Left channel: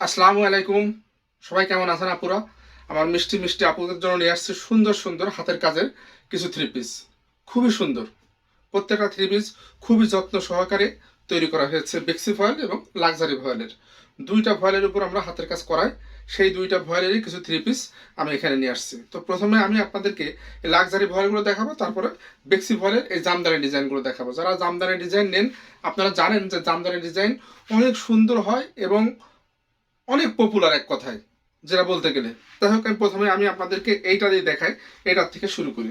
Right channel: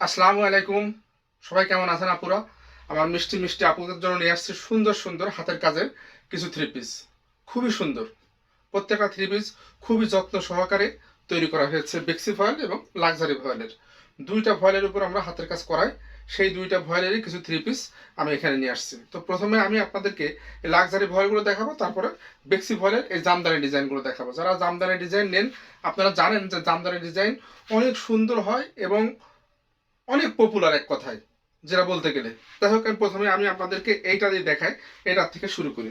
আসসালামু আলাইকুম। সবাই কেমন আছেন আপুরা? আমার মিষ্টি মিষ্টি আপুদের জন্য নিয়ে আসছে সুন্দর সুন্দর হাতের কাজের কিছু থ্রি পিস খুবই সুন্দর। প্রত্যেকটা থ্রি পিস খুবই যত্ন সহকারে তৈরি করা হয়েছে বেক্সি ভয়েল এবং লাক্সারি ভয়েলের দুইটা ভয়েলের উপর আমরা হাতের কাজ করাই। সেই দুইটা ভয়েলেরই কিছু থ্রি পিস আমি এখানে নিয়ে আসছি। তো প্রথমে আমি আপনাদেরকে লাক্সারি ভয়েলগুলো দেখাবো, তারপরে বেক্সি ভয়েলের এই জামদানি ডিজাইনগুলো দেখাবো। যারা জামদানি ডিজাইন নেন, আপনারা জানেন যে জামদানি ডিজাইন অনেক সুন্দর হয় এবং অনেক পপুলার এক কথায়, যেটা বলতে গেলে। যাই হোক প্রথমে আমি আপনাদেরকে এইটা দিয়ে দেখাই এটার থেকে শুরু করি।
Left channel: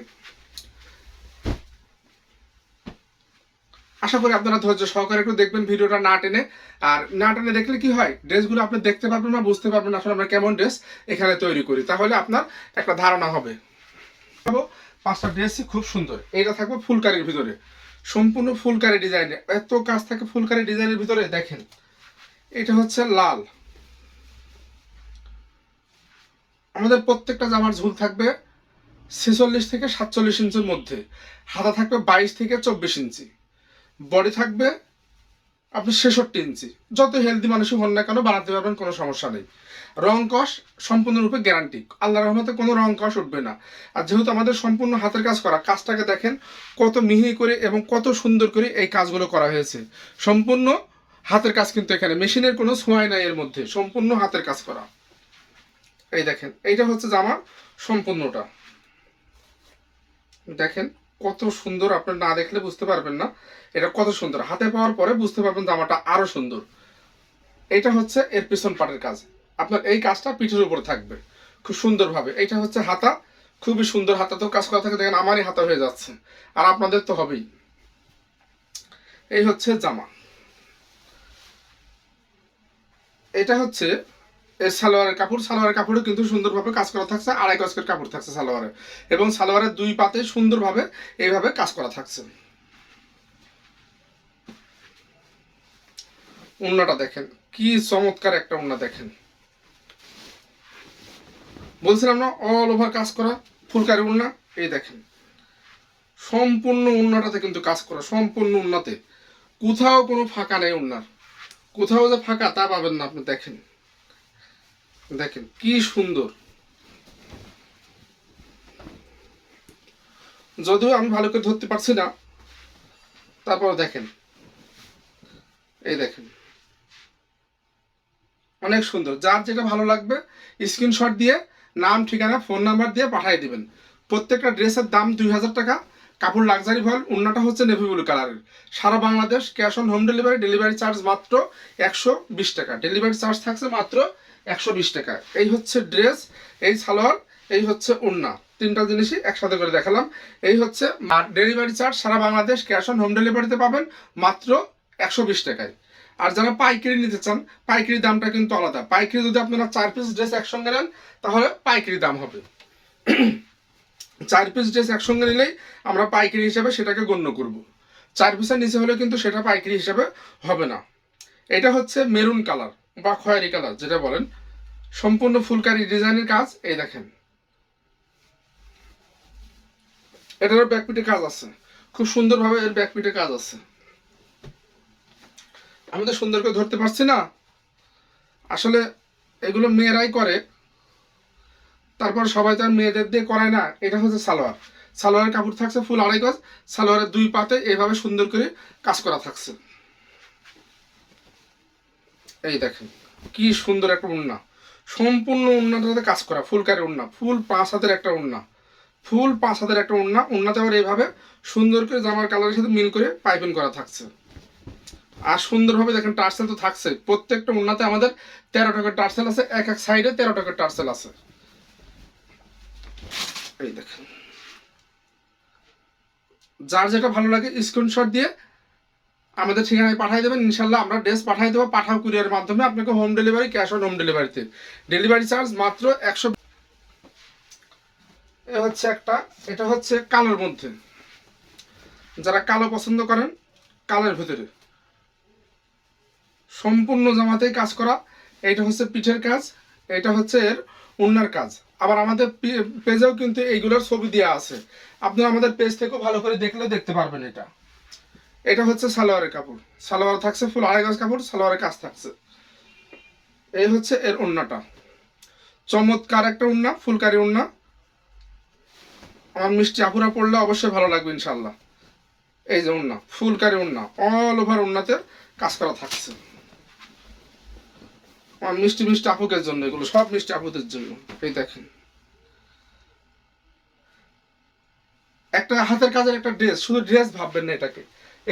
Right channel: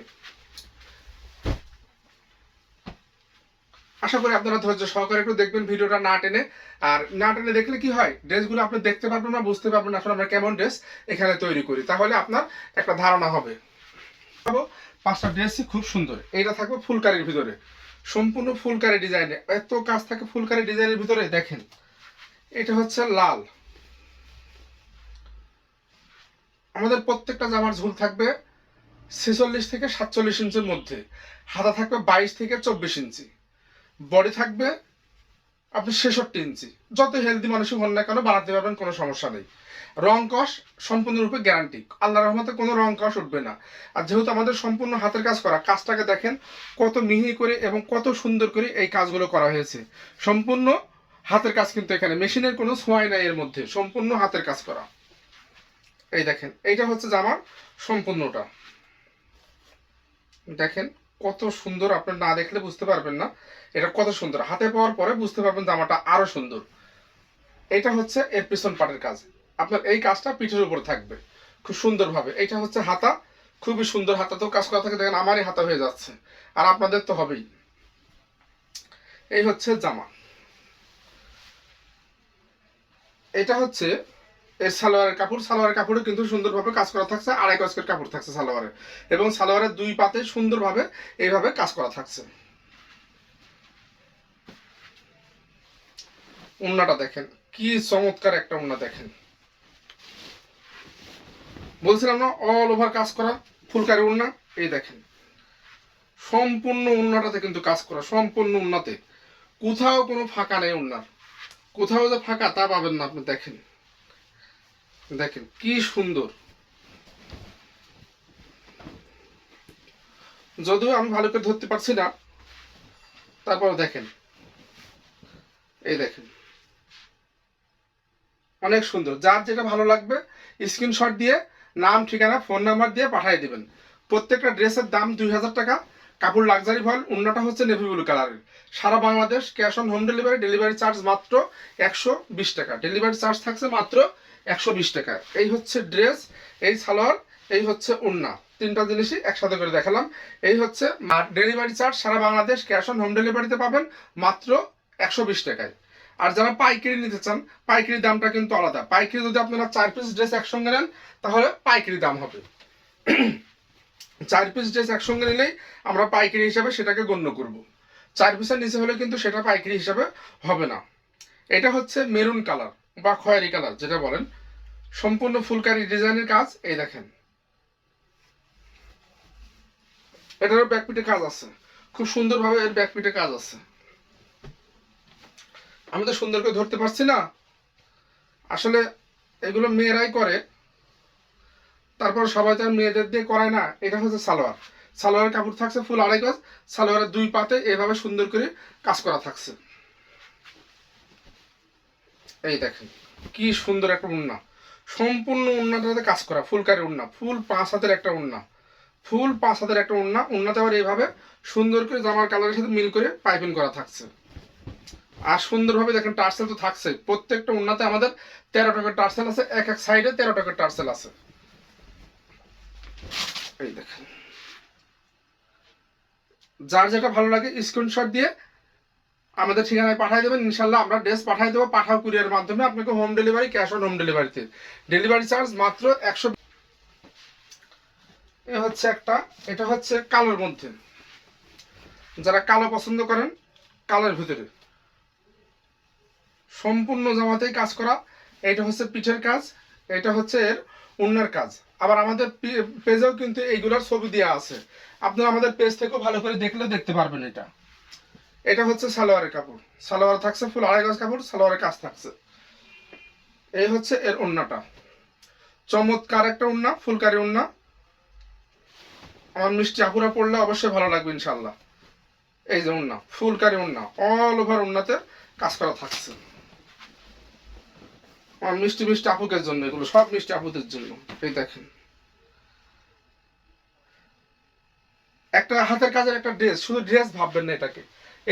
আশা করি আপনারা ধৈর্য সহকারে একটু দেখবেন ভিডিওটা না টেনে। আর না টেনে দেখলে কি হয়, ড্রেসগুলো আপনি দেখতে পারবেন না, বুঝতে পারবেন না আসলে আমরা কেমন ড্রেস এখানে তৈরি করি। তাহলে আপনার একটা ধারণা হবে। পাঁচটা ড্রেসই খুব সুন্দর। এটা থাকবে ফুলকারির ভিতরে। সম্পূর্ণ ফুলকারি ডিজাইনে এত কাজ থাকে ফুলকারি ডিজাইনের ভিতরে, দেখেন। এটা হচ্ছে লাল। আমাদের প্রত্যেকটা জামার ঝুল থাকবে ছেচল্লিশ থেকে সাতচল্লিশ ইঞ্চির মধ্যে। হাতা থাকবে বাইশ থেকে চব্বিশ ইঞ্চি। বডি থাকবে আপনি ছেষট্টি ইঞ্চি। যত হেলদি মানুষই হন না কেন, বানাতে পারবেন, কোনো সমস্যা নেই। রং কষ সম্পূর্ণরূপে গ্যারান্টি আল্লাহ রহমতে কোনো রং কষ উঠবে না। আর যেহেতু আমাদের সম্পূর্ণ হাতের কাজ করা, কাজটাকে দেখেন কত মিহি করে এবং কত সুন্দর করে এই কাজগুলো করা হয়েছে। সম্পূর্ণ হাতের কাজ কিন্তু এখানে। মেশিনের কোনো ছোঁয়াই নাই এর মধ্যে। সম্পূর্ণ হাতের কাজ করা। এই দেখেন, এইটা হচ্ছে জামার সম্পূর্ণটা। দেখেন, কত সুন্দর, আপনার না দেখলে বুঝতে পারবেন না। এটা কত সুন্দর, হাতে পাওয়ার পরে বুঝতে পারবেন জামাটা আরও সুন্দর। এটা হচ্ছে এর পিছন পাটের কাজ। আপনার এই কাজটা পিঠের উপর থাকবে, খুব সুন্দরভাবে। এইটা হচ্ছে হাতা, খুবই সুন্দর হাতা তো কাজ করা থাকে, দেখেন আমারই হাতা হয়ে যাচ্ছে। আর আপনাদের তো হবেই। এই হচ্ছে জামা। এটা হচ্ছে সালোয়ারের কাপড়, সালোয়ারের কাপড়ও কিন্তু সুন্দরভাবে কাজ করা থাকছে, আড়াই গজকের কাপড় থাকছে সালোয়ারে। এবং সালোয়ারের দুই পাতে সুন্দরভাবে এইভাবে কাজ করা থাকছে। উন্নাটা দেখেন, কি চমৎকার একটা উন্না দেখেন। বলছিলাম না অল ওভার কাজ করা, ফুলকারি উন্না, এই দেখেন। সম্পূর্ণ উন্নাটাতে কিন্তু কাজ করা, সম্পূর্ণ উন্নাতে। কোথাও কোনো ফাঁকা নেই উন্নার। কোথাও যে ফাঁকা তা পাবেন না আপনি, দেখেন। দেখেন, কি সুন্দর। যদিও আমি ভালো করে ধরতে পারছি না, তারপর দেখেন। এই দেখেন। অনেক সুন্দর। যার যেটা ভালো লাগবে স্ক্রিনশট দিয়ে, নাম, ঠিকানা ফোন নাম্বার দিয়ে পাঠিয়ে দিবেন। প্রত্যেকটা ড্রেসের দাম দুই হাজার টাকা। কাপড় লাক্সারি ভয়েল অন্যটা হচ্ছে নেভি ব্লু কালারের সারা Bangladesh cash on home delivery delivery charge মাত্র একশো বিশ টাকা। ডেলিভারি চার্জ থাকছে মাত্র একশো বিশ টাকা। এই হচ্ছে ড্রেস এই সালোয়ার, এই হচ্ছে উন্না তিনটা জিনিসই একসাথে করে দেখালাম। এই হচ্ছে ডেলিভারি চার্জ সারা বাংলাদেশ ক্যাশ অন হোম ডেলিভারিতে পাবেন মাত্র একশো বিশ টাকায়। আর যারা পাইকারি নিতে চান, পাইকারি দামটা কিন্তু আলাদা। পাইকারি যদি আপনারা চার পিস ড্রেস একসঙ্গে নেন, তাহলে পাইকারি দাম হবে। চার পিস ড্রেস একসঙ্গে নিলেই আমরা পাইকারি হিসাবে সেটাকে গণ্য করব। চার পিসের নিচে হলে কিন্তু সেটা পাইকারি হিসাবে হবে না। এটা হচ্ছে মেরুন কালার বা খয়েরি কালার, যেটা বলেন। সম্পূর্ণ ফুলকারি ডিজাইনের কাজ, এই দেখেন। এটারও ব্যাকপিটে কাজ আছে। খুব সুন্দরভাবে এর ব্যাকপিটে কাজ আছে। আমি তো সুন্দর করে ধরতে পারছি না। আসলে এগুলো মেয়েরাই করে। তারপর সবাই তার মেয়েদের দিয়ে করায় না। এটা হচ্ছে সালোয়ার। সালোয়ারের কাপড় থাকছে ফুল আড়াই গজ। সালোয়ারের দুই পাতে এভাবে সুন্দর করে কাজ করা থাকছে। এই দেখেন, কি সুন্দর একটা উন্না। সম্পূর্ণ উন্নাটাতে কাজ করা, ফুলকারি উন্না। ফুল পাঁচ হাতের একটা উন্না। ফুল পাঁচ হাতের একটা উন্না। উন্নাতে আবার এইভাবে সুন্দর করে জামার কালারের সাথে মিল করে পাইপিং করা থাকছে। আর সুন্দরভাবে দেখেন টার্সেল তো থাকছে। প্রত্যেকটা উন্নাতে আমাদের তেরো টাকার টার্সেল আছে, এক এক সাইডে তেরো টাকার টার্সেল আছে। এই দেখেন। যার যেটা ভালো লাগে স্ক্রিনশট দিয়ে আমাদের ঠিকানায় পাঠিয়ে দেবেন, ইনশাল্লাহ আমরা ড্রেস পাঠিয়ে দেবো পাঠাও কুরিয়ার মাধ্যমে। আপনাকে home delivery cash on home ডেলিভারিতে ডেলিভারি চার্জ মাত্র একশো এ হচ্ছে একটা, এটা হচ্ছে কালোর মধ্যে। যারা কালো পছন্দ করেন, কালোর ভিতরে। সম্পূর্ণ জামাতেই কাজ করা এটা হচ্ছে পিঠের কাজ, এটা হচ্ছে এর উন্নার কাজ। আবার আমাদের পেজেও কিন্তু এইগুলোর ছবি দেওয়া আছে। আপনি আমাদের পেজ থেকেও ভালো করে দেখলে দেখতে পারবেন এটা। এটা হচ্ছে সালোয়ারের কাপড়। সালোয়ার থাকছে ফুল, আড়াই গজ কাপড়, সালোয়ারের কাজ থাকছে। এই হচ্ছে এর ওড়নাটা চমৎকার একটা ওড়না ফুলকারি ওড়না আমার মিষ্টি আপুরা পড়লে অবশ্যই ভালো লাগবে ইনশাল্লাহ এই যে ওড়না ফুলকারি ওড়না অল ওভার ওড়নাতে কাজ করা থাকছে। আমার মিষ্টি মিষ্টি আপুকের জন্য এগুলো, সব মিষ্টি আপুদের জন্য। এই দেখেন। একটা হাতের কাজের একটা ড্রেস শুধু ড্রেস ভাববেন না এটাকে।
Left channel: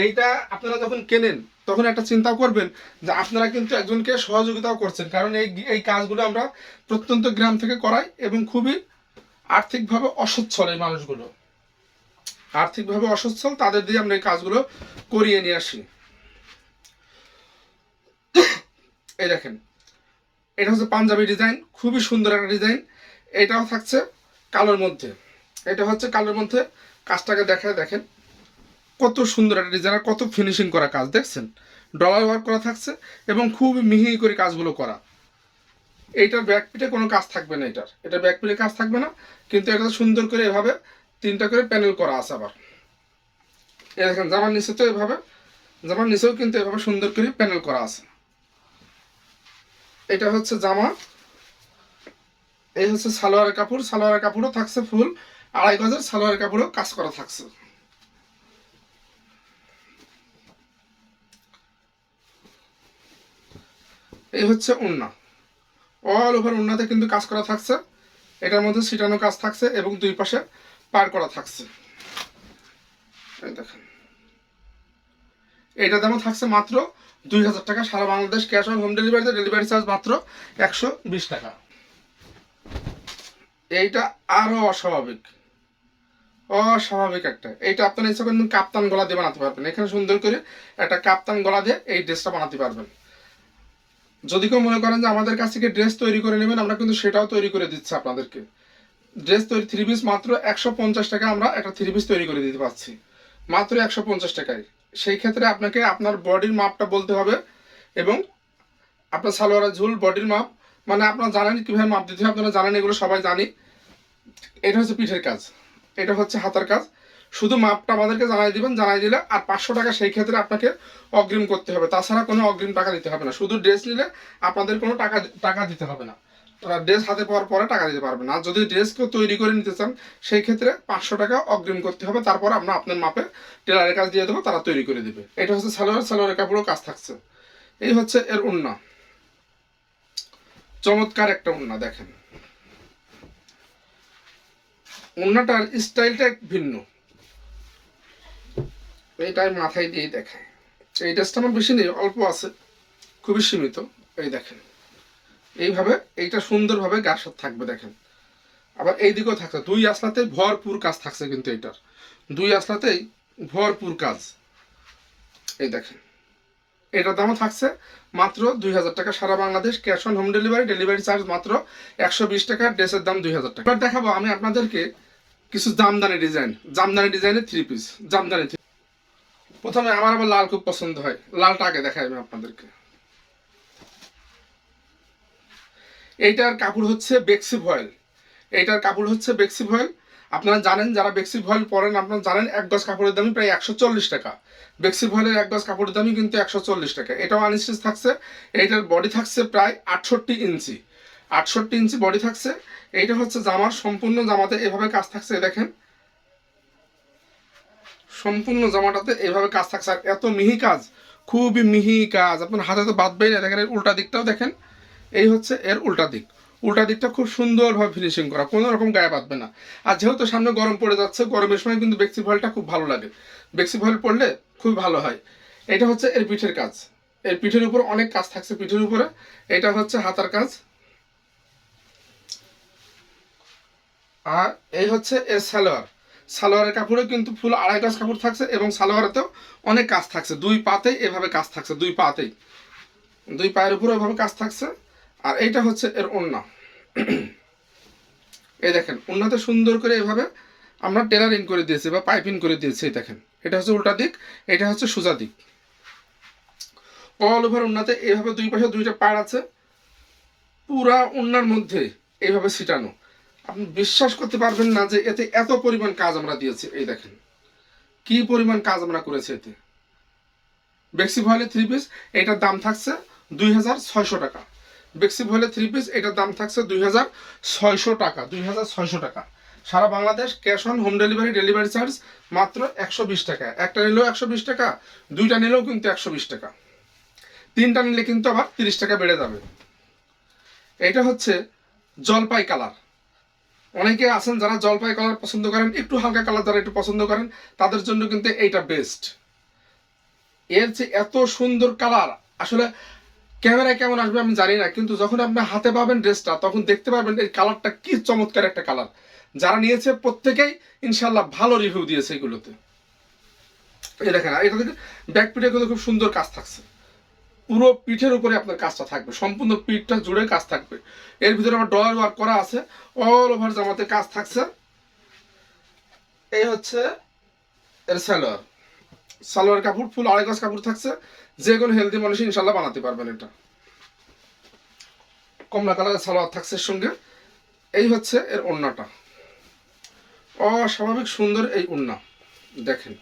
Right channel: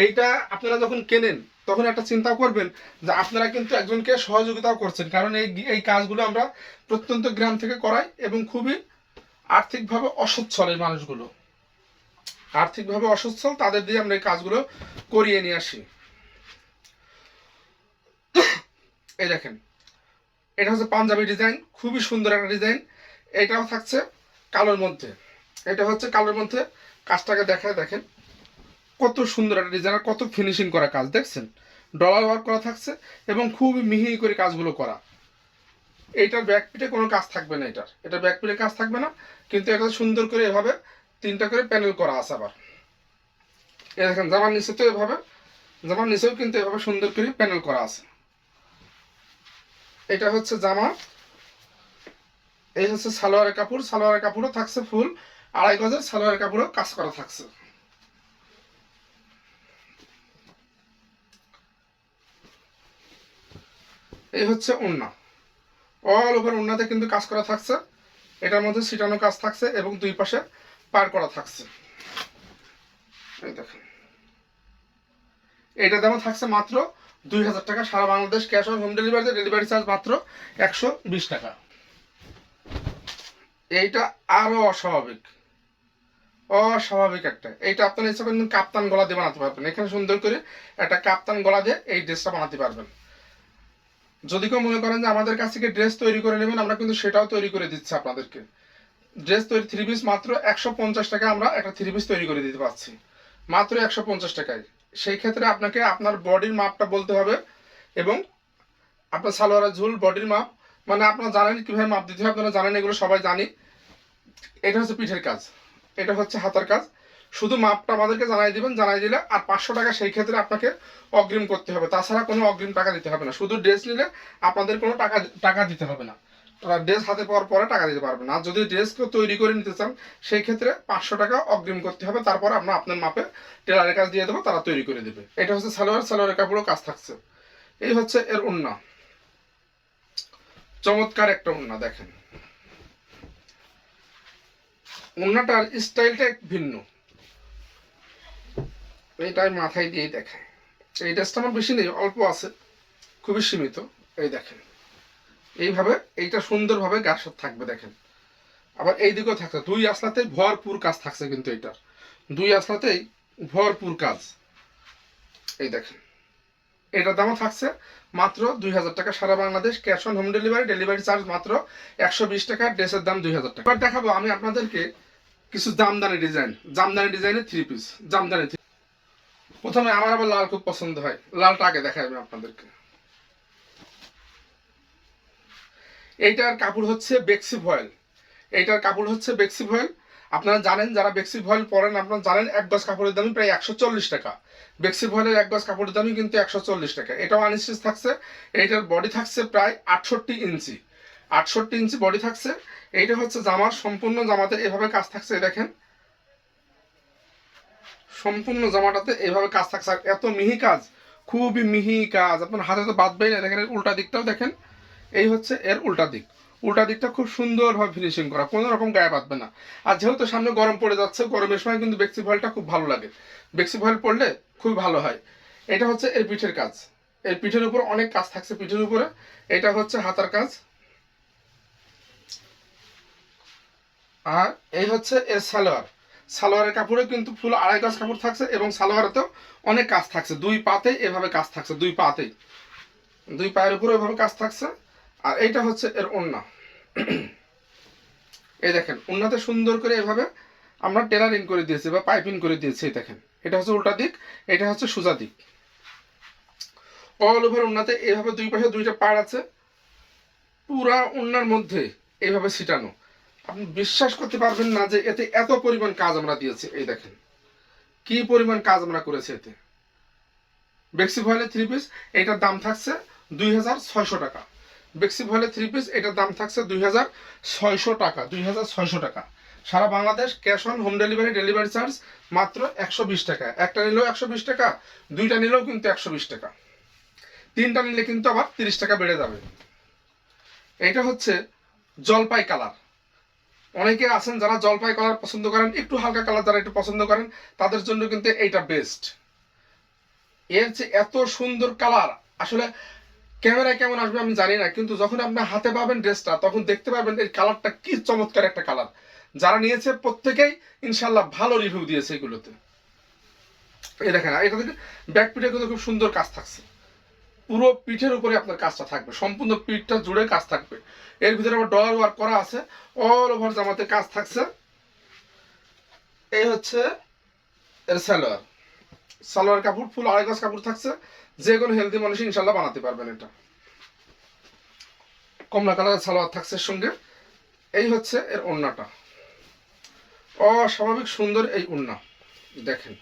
এইটা আপনারা যখন কেনেন, তখন একটা চিন্তা করবেন যে আপনারা কিন্তু একজনকে সহযোগিতাও করছেন। কারণ এই এই কাজগুলো আমরা প্রত্যন্ত গ্রাম থেকে করাই এবং খুবই আর্থিকভাবে অসচ্ছল এই মানুষগুলো। আর্থিকভাবে অসচ্ছল, তাদের দিয়ে আমরা এই কাজগুলো করিয়ে নিয়ে আসি। এই দেখেন, এটা হচ্ছে পাঞ্জাবি ডিজাইন, খুবই সুন্দর একটা ডিজাইন। এটাও থাকছে কালোর মধ্যে। এটা হচ্ছে কালোর মধ্যে, কাজটাকে দেখায় দেখেন। কত সুন্দর একটা ডিজাইনার কত ফিনিশিং করা কাজ, দেখছেন? ডলার ওয়ার্ক করা থাকছে এবং খুবই মিহি করে কাজগুলো করা। এইটার ব্যাকপিটে কোনো কাজ থাকবে না এটার। এটা ব্যাক পিঠে কাজ থাকবে না, কিন্তু এটা সুন্দর করে এভাবে তিনটা করে প্যানেল করা আছে আবার। এ দেখেন, জামার নিচে তো এভাবে, জামার নিচেও কিন্তু এভাবে সুন্দর করে প্যানেল করা আছে। এটা হচ্ছে জামা, এই হচ্ছে সালোয়ারের কাপড়, সালোয়ারের কাপড়ও থাকছে ফুল আড়াই গজের সালোয়ারের কাপড়ও কাজ করা থাকছে। এই হচ্ছে ওন্না অল ওভার ওন্নাতে কিন্তু কাজ করা থাকছে। এটার মধ্যে সিটানো কাজ থাকছে এবং দুই পাশে পার করা থাকছে। দেখেন। এটা দামও থাকছে মাত্র দুই হাজার টাকা। সারা বাংলাদেশ ক্যাশ অন হোম ডেলিভারিতে ডেলিভারি চার্জ মাত্র একশো বিশ টাকা। এইটা আরও অস্বাভাবিক। অস্বাভাবিক একটা। এইটা আপনার ইচ্ছা করেন কাপ্তান গলা দিয়ে বানাতে পারবেন। এখানে সুন্দর করে একটা কাপ্তান গলা দিয়ে এই ড্রেসটা বানাতে পারবেন। যদি কেউ মনে করেন যে আমাদের কাছ থেকে ড্রেস তৈরি করে নেবেন, আমরা কিন্তু সেটাও তৈরি করে দিচ্ছি আপনাদেরকে। ড্রেস তৈরি থ্রি পিস মাত্র একশো পঞ্চাশ টাকায় আমরা একটা থ্রি পিস তৈরি করে দিতে পারছি। মাত্র একশো পঞ্চাশ টাকায়। সেই ক্ষেত্রে আপনাকে আপনার বডির মাপটা বলতে হবে এবং আপনার সালোয়ারের ঝুল বডির মাপ মানে আপনারা জানেন কীভাবে মাপ দিতে হবে আপনারা জানেন, এগুলো সবাই জানি। এটা হচ্ছে পিঠের কাজ। এটা হচ্ছে হাতের কাজ। শুধু মাপটা আমাদেরকে জানাই দিবেন, জানাই দিলে আর পাঁচশো টাকা সেই ক্ষেত্রে আপনাকে অগ্রিম করতে হবে। তাছাড়া কোনো অগ্রিম টাকা দিতে হবে না। শুধু ড্রেস নিলে আপনাদের কোনো টাকা টাকা দিতে হবে না। ড্রেস হাতে পাওয়ার পরে টাকা দিতে পারবেন আর যদি ড্রেস তৈরি করে নিতে চান, সেই ক্ষেত্রে পাঁচশো টাকা অগ্রিম করতে হবে। তারপর আমরা আপনার মাপে টেলারের কাজ দিয়ে দেবো, তারা তৈরি করে দেবে। এটা হচ্ছে সালোয়ার, সালোয়ারের কাপড়ও কাজ থাকছে। এই হচ্ছে এর উন্না। চমৎকার একটা উন্না, দেখেন। উন্নাটার স্টাইলটা ভিন্ন। এইটাই মাথায় দিয়ে দেখায় এই ড্রেসটা আমার বেশি নেই, অল্প আছে, খুবই সীমিত, এই দেখেন। এইভাবে, এইটা সুন্দরভাবে গাছ থাকবে, দেখেন। আবার এই দিকেও থাকছে, দুই আসলাতে ভরপুর কাজ থাকছে কিন্তু এটার। দুই আসলাতেই ভরপুর কাজ। এই দেখেন, এটার দামও থাকছে মাত্র দুই হাজার টাকা, সারা Bangladesh cash on home delivery delivery charge মাত্র একশো বিশ টাকা, ড্রেসের দাম দুই হাজার টাকা। এবার দেখাবো আমি আপনাদেরকে কিছু জামদানি ডিজাইন, জামদানি ডিজাইনের থ্রি পিস জামদানি three- প্রথমে আমার আবার লাল খুব পছন্দ হয়। লালটা আগে দেখাই আমি আপনাদেরকে। এইটার কাপড় হচ্ছে বেক্সি ভয়েল এইটার কাপড় হচ্ছে বেক্সি ভয়েল আপনারা জানেন, যারা বেক্সি ভয়েল পরেন, আপনারা জানেন এক গজ কাপড়ের দামই প্রায় একশো চল্লিশ টাকা। বেক্সি ভয়েলের এক গজ কাপড়ের দামই কিন্তু একশো চল্লিশ টাকা। এটাও আনস্টিচ থাকছে। এইটার বডি থাকছে প্রায় আটষট্টি ইঞ্চি। আটষট্টি ইঞ্চি বডি থাকছে। এইটা হচ্ছে জামার, সম্পূর্ণ জামাতে এভাবে কাজ থাকছে দেখেন। সম্পূর্ণ জামাটাতে এইভাবে কাজ থাকছে। আর এত মিহি কাজ, খুবই মিহি কাজ। আপনার হাতে তো বাঁধবেই না, দেখেন এর উল্টা দিকটাও দেখেন। এই হচ্ছে এর উল্টা দিক। উল্টা দিকটা খুব সুন্দরভাবে ফিনিশিং করা, কোনো রকম গায়ে বাঁধবে না। আর যেহেতু সামনে গরম পড়ে যাচ্ছে, গরমের সময় কিন্তু বেক্সি ভয়েলটা খুব ভালো লাগে। বেক্সি ভয়েল পড়লে খুব ভালো হয়। এটা হচ্ছে এর পিঠের কাজ। এর পিঠের উপর অনেক কাজ থাকছে পিঠের উপরে। এটা হচ্ছে হাতার কাজ। আর এই হচ্ছে এর সালোয়ার। সালোয়ারের কাপড়ে কিন্তু ফুল আড়াই গজ কাপড় থাকছে এবং সালোয়ারেতেও অনেক কাজ থাকছে। দুই পাতে এভাবে কাজ থাকছে, দুই পাতেই। দুই পায়ের উপরে এভাবে কাজ থাকছে। আর এইটা হচ্ছে এর ওন্না এই দেখেন ওন্নাতে সুন্দর করে এভাবে আমরা টেলারিং করে দিয়েছি বা পাইপিং করে দিয়েছি দেখেন। এটা হচ্ছে উল্টা দিক, এটা হচ্ছে সোজা দিক। অল ওভার ওন্নাতে এইভাবে দুই পাশে দুইটা পাড় আছে। পুরা ওন্নার মধ্যে এইভাবে ছিটানো। আপনি বিশ্বাস করতে পারবেন না যে এতে এত পরিমাণ কাজ আমরা দিয়েছি। এই দেখেন, কি পরিমাণ কাজ আমরা করেছি এতে। বেক্সি ভয়েলের থ্রি পিস এটার দাম থাকছে দুই হাজার ছয়শো টাকা। বেক্সি ভয়েলের থ্রি পিস এটার দাম থাকছে দুই হাজার ছয়শো টাকা, দুই হাজার ছয়শো টাকা। সারা Bangladesh cash on home delivery delivery charge মাত্র একশো বিশ টাকা। একটা নিলেও একশো বিশ টাকা, দুইটা নিলেও কিন্তু একশো বিশ টাকা। তিনটা নিলে কিন্তু আবার তিরিশ টাকা বেড়ে যাবে। এটা হচ্ছে জলপাই কালার অনেকে আছেন যারা জলপাই কালার পছন্দ করেন, একটু হালকা কালার যারা একটু পছন্দ করেন, তাদের জন্য কিন্তু এইটা বেস্ট এর যে এত সুন্দর কালার, আসলে ক্যামেরায় কেমন আসবে আমি জানি না, কিন্তু যখন আপনি হাতে পাবেন ড্রেসটা তখন দেখতে পারবেন এই কালারটা কি চমৎকার একটা কালার। যারা নিয়েছে প্রত্যেকেই ইনশাল্লাহ ভালো রিভিউ দিয়েছে এগুলোতে। এই দেখেন এটা থেকে ব্যাক কিন্তু খুব সুন্দর কাজ থাকছে। পুরো পিঠের উপরে আপনার কাজটা থাকবে। সম্পূর্ণ পিঠটা জুড়ে কাজ থাকবে। এর ভিতরে আবার ডলার ওয়ার্ক করা আছে। অল ওভার জামাতে কাজ থাকছে। এই হচ্ছে এর সালোয়ার। সালোয়ার কাপড়, ফুল আড়াই গাছ কাপড় থাকছে। যে কোনো হেলদি মানুষ ইনশাল্লাহ বানাতে পারবেন এটা। কমলা কালারের সালোয়ার থাকছে সঙ্গে। এই হচ্ছে এর ওড়নাটা অস্বাভাবিক সুন্দর এই ওড়না দেখেন।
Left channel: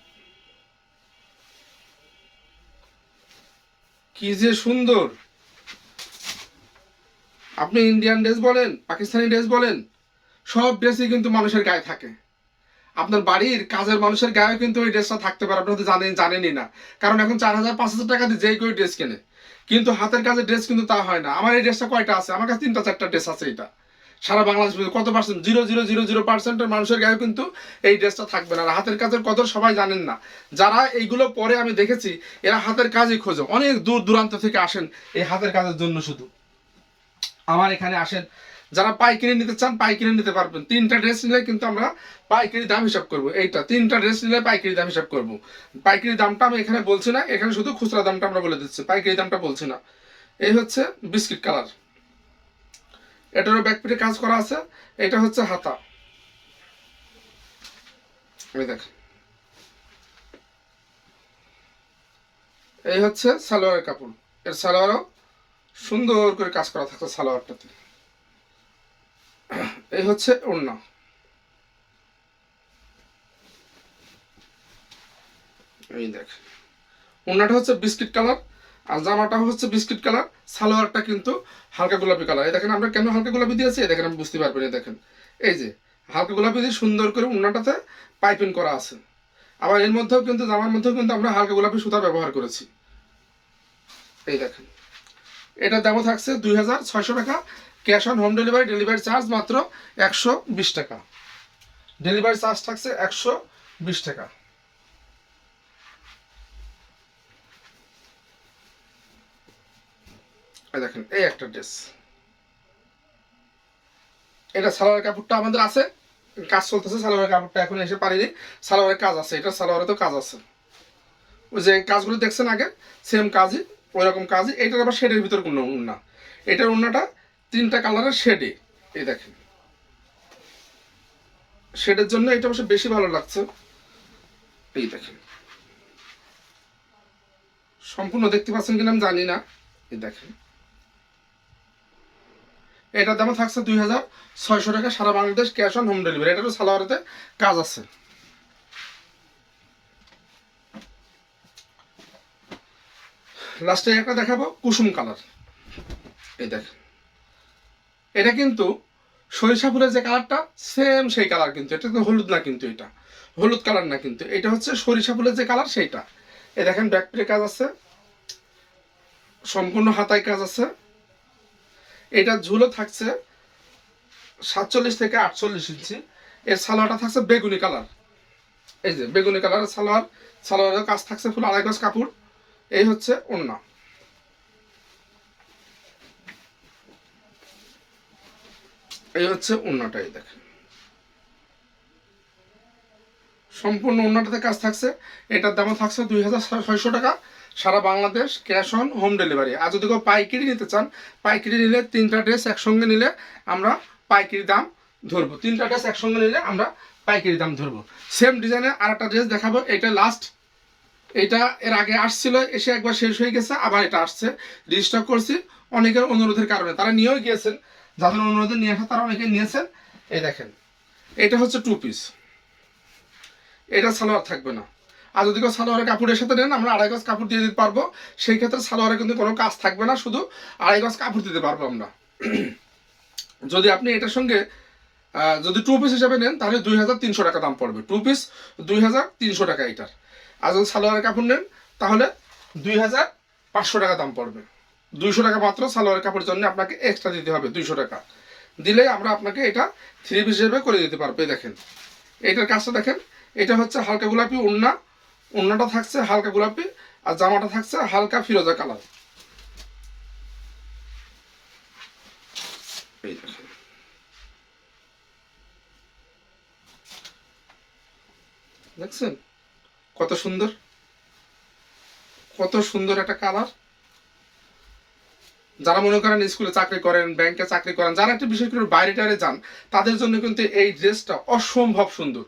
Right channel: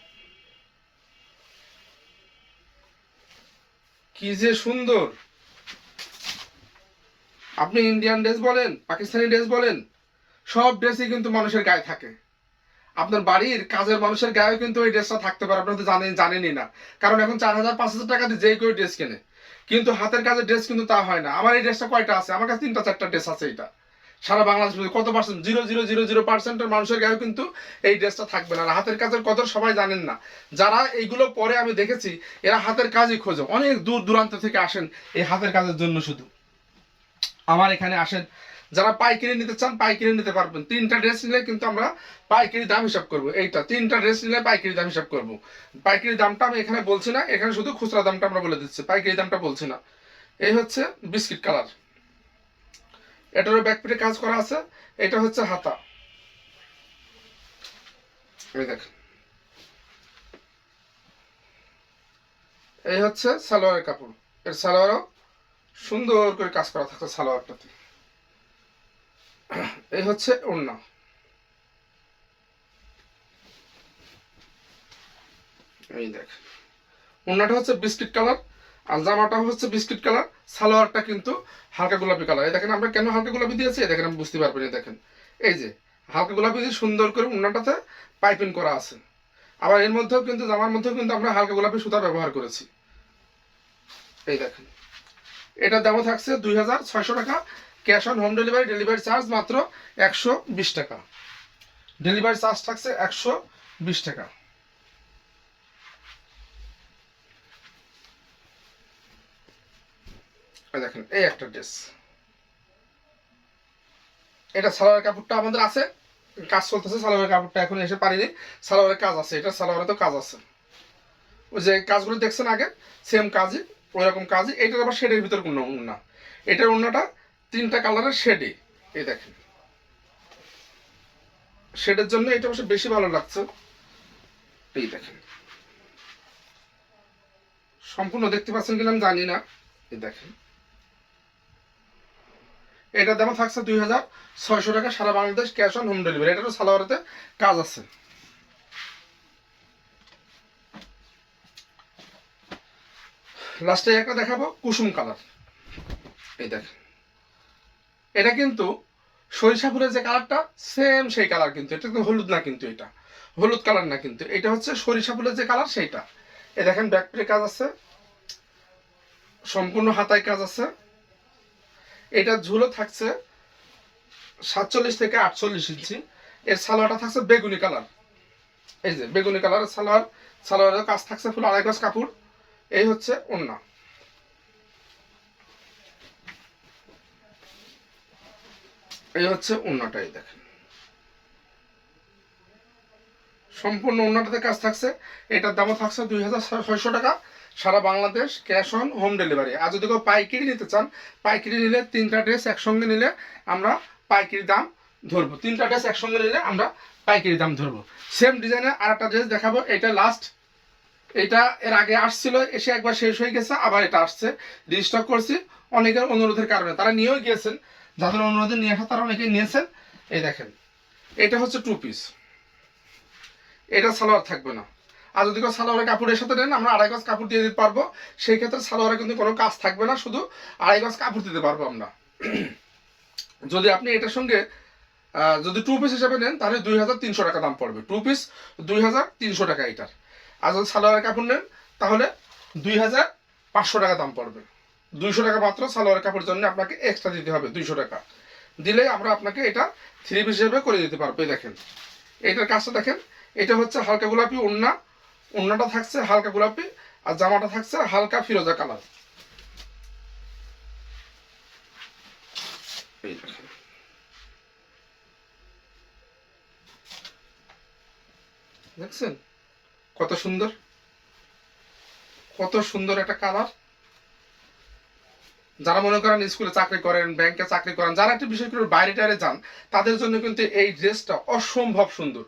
কি যে সুন্দর। আপনি ইন্ডিয়ান ড্রেস বলেন পাকিস্তানি ড্রেস বলেন, সব ড্রেসই কিন্তু মানুষের গায়ে থাকে। আপনার বাড়ির কাজের মানুষের গায়েও কিন্তু ওই ড্রেসটা থাকতে পারে আপনি তো জানেন, জানেনই না। কারণ এখন চার হাজার পাঁচ হাজার টাকা দিয়ে যেই কেউ ড্রেস কেনে। কিন্তু হাতের কাজের ড্রেস কিন্তু তা হয় না। আমার এই ড্রেসটা কয়টা আছে? আমার কাছে তিনটা, চারটা ড্রেস আছে এটা সারা বাংলাদেশ কত percent zero zero zero zero পার্সেন্টের মানুষের গায়ে কিন্তু এই ড্রেসটা থাকবে না। হাতের কাজের কদর সবাই জানেন না। যারা এইগুলো পরে আমি দেখেছি, এরা হাতের কাজই খোঁজে। অনেক দূর দূরান্ত থেকে আসেন এই হাতের কাজের জন্য শুধু। আমার এখানে আসেন, যারা পাইকারি নিতে চান পাইকারি নিতে পারবেন। তিনটা ড্রেস নিলে কিন্তু আমরা পাইকারি দাম হিসাব করব। এইটা, তিনটা ড্রেস নিলে পাইকারি দাম হিসাব করব। পাইকারি দামটা আমি এখানে বলছি না, এখানে শুধু খুচরা দামটা আমরা বলে দিচ্ছি। পাইকারি দামটা বলছি না। এই হচ্ছে বিস্কিট কালার। এটারও ব্যাক পিঠে কাজ করা আছে। এটা হচ্ছে হাতা। দেখেন। এই হচ্ছে সালোয়ারের কাপড়। এর সালোয়ারও সুন্দর করে কাজ করা থাকছে সালোয়ারটাতে এই হচ্ছে ওড়না। এই দেখ ওড়নাটা হচ্ছে বিস্কিট কালার। আর জামাটা হচ্ছে বিস্কিট কালার, সালোয়ারটা কিন্তু হালকা গোলাপি কালার। এই দেখেন আমরা কেন হালকা গোলাপি দিয়েছি? দেখেন, আমি বুঝতে পারবেন দেখেন। এই যে, হালকা গোলাপি দিয়ে সুন্দর করে ওড়নাটাতে পাইপিং করা আছে। আবার এর মধ্যেও কিন্তু, জামার মধ্যেও কিন্তু আমরা হালকা গোলাপি সুতা ব্যবহার করেছি। এই দেখেন এটা দামও থাকছে দুই হাজার ছয়শো টাকা। Cash on home delivery delivery charge মাত্র একশো বিশ টাকা। ডেলিভারি চার্জ থাকছে একশো বিশ টাকা। দেখেন, এই একটা ড্রেস এটা সালোয়ার কাপড়টা আমাদের আছে, কাজ চলতেছে, সালোয়ারের কাপড়টা এখন এসে পারিনি। সালোয়ারের কাজ আছে, এটা সালোয়ারে তো কাজ আছে। ওই যে কাজগুলো দেখছেন আগে সেম কাজই ওই রকম কাজই এইটার আবার শেডের ভিতর কোনো উন্না এটার উন্নাটা তিনটা কালারের শেডে এই দেখেন। শেডের জন্য এটা অবশ্য বেশি ভালো লাগছে। এই দেখেন। সম্পূর্ণ দেখতে পাচ্ছেন কিনা আমি জানি না, এই দেখেন। এটার দাম থাকছে দুই হাজার ছয়শো টাকা, সারা Bangladesh cash on home delivery এটারও সালোয়ারেতে কাজ আছে। লাস্টে একটা দেখাবো, কুসুম কালার এই দেখেন এটা কিন্তু সরিষা ফুলের যে কালারটা সেম সেই কালার কিন্তু। এটা কিন্তু হলুদ না কিন্তু এটা। হলুদ কালার না কিন্তু। এটা হচ্ছে সরিষা ফুলের যে কালার সেইটা। এই দেখেন ব্যাকপ্রে কাজ আছে। সম্পূর্ণ হাতায় কাজ আছে। এটা ঝুলো থাকছে সাতচল্লিশ থেকে আটচল্লিশ ইঞ্চি। এর সালোয়ারটা থাকছে বেগুনি কালার। এই যে বেগুনি কালারের সালোয়ার, সালোয়ারের কাজ থাকছে ফুল আড়াই গজ কাপড়। এই হচ্ছে ওন্না। এই হচ্ছে ওন্নাটাই দেখেন। সম্পূর্ণ ওন্নাটাতে কাজ থাকছে। এটার দামও থাকছে দুই হাজার ছয়শো টাকা। সারা Bangladesh cash on home delivery. আর যদি কেউ পাইকারি নিতে চান, পাইকারি নিলে তিনটা ড্রেস একসঙ্গে নিলে আমরা পাইকারি দাম ধরবো। তিনটা ড্রেস একসঙ্গে নিলে আমরা পাইকারি দাম ধরবো। সেম ডিজাইনে আর একটা ড্রেস দেখাবো, এটা লাস্ট এটা এর আগে আসছিল, এসে একবার শেষ হয়ে গেছে, আবার এটা আসছে। রিস্টক করছি অনেকের অনুরোধের কারণে। তারা নিয়েও গিয়েছেন, যাদের অনুরোধে নিয়ে আসা, তারা অনেকে নিয়েছেন। এই দেখেন, এটা হচ্ছে টু পিস এটা সালোয়ার থাকবে না। আর যদি কেউ সালোয়ারের কাপড়ের সাথে নেন, আমরা আড়াই গজ কাপড় দিয়ে দিতে পারব। সেই ক্ষেত্রে সালোয়ারে কিন্তু কোনো কাজ থাকবে না, শুধু আড়াই গজ কাপড় দিতে পারব আমরা। যদি আপনি এটার সঙ্গে যদি টু পিস হিসাবে নেন, তাহলে দুই হাজার তিনশো টাকা দাম পড়বে। টু পিস দুই হাজার তিনশো টাকা এটার। আর যদি সালোয়ারের কাপড় নেন, তাহলে দুই হাজার পাঁচশো টাকা দাম পড়বে। দুইশো টাকা মাত্র সালোয়ারের কাপড়ের জন্য আপনাকে এক্সট্রা দিতে হবে, দুইশো টাকা। দিলে আমরা আপনাকে এটা থ্রি পিস হিসেবে করে দিতে পারব দেখেন। এইটার কাজটা দেখেন, এটা হচ্ছে হালকা গোলাপি ওড়না ওড়নাটা থাকছে হালকা গোলাপি আর জামাটা থাকছে হালকা ফিরোজা কালার। দেখছেন? কত সুন্দর। কত সুন্দর একটা কালার। যারা মনে করেন স্কুলে চাকরি করেন, ব্যাংকে চাকরি করেন, যারা একটু বিশেষ করে বাইরে টাইরে যান, তাদের জন্য কিন্তু এই ড্রেসটা অসম্ভব সুন্দর।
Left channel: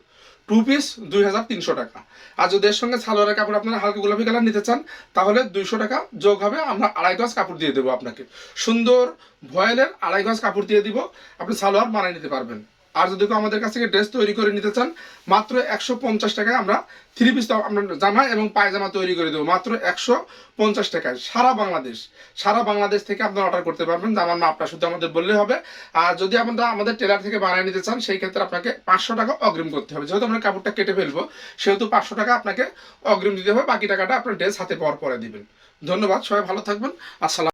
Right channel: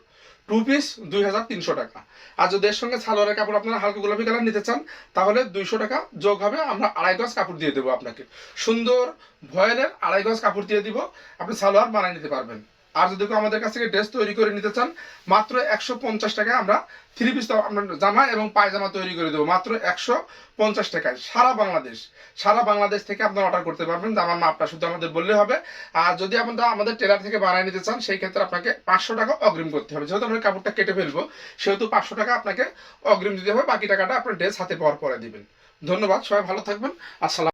টু পিস দুই হাজার তিনশো টাকা। আর যদি এর সঙ্গে সালোয়ারের কাপড় আপনারা হালকা গোলাপি কালার নিতে চান, তাহলে দুইশো টাকা যোগ হবে, আমরা আড়াই গজ কাপড় দিয়ে দেবো আপনাকে। সুন্দর ভয়েলের আড়াই গজ কাপড় দিয়ে দিব, আপনি সালোয়ার বানিয়ে নিতে পারবেন। আর যদি কেউ আমাদের কাছ থেকে ড্রেস তৈরি করে নিতে চান, মাত্র একশো পঞ্চাশ টাকায় আমরা থ্রি পিস আমরা জামা এবং পায়জামা তৈরি করে দেবো। মাত্র একশো পঞ্চাশ টাকায় সারা বাংলাদেশ সারা বাংলাদেশ থেকে আপনারা অর্ডার করতে পারবেন। জামার মাপটা শুধু আমাদের বললে হবে। আর যদি আপনারা আমাদের টেলার থেকে বানিয়ে নিতে চান, সেই ক্ষেত্রে আপনাকে পাঁচশো টাকা অগ্রিম করতে হবে। যেহেতু আমরা কাপড়টা কেটে ফেলব, সেহেতু পাঁচশো টাকা আপনাকে অগ্রিম দিতে হবে। বাকি টাকাটা আপনার ড্রেস হাতে পাওয়ার পরে দিবেন। ধন্যবাদ, সবাই ভালো থাকবেন। আসসালাম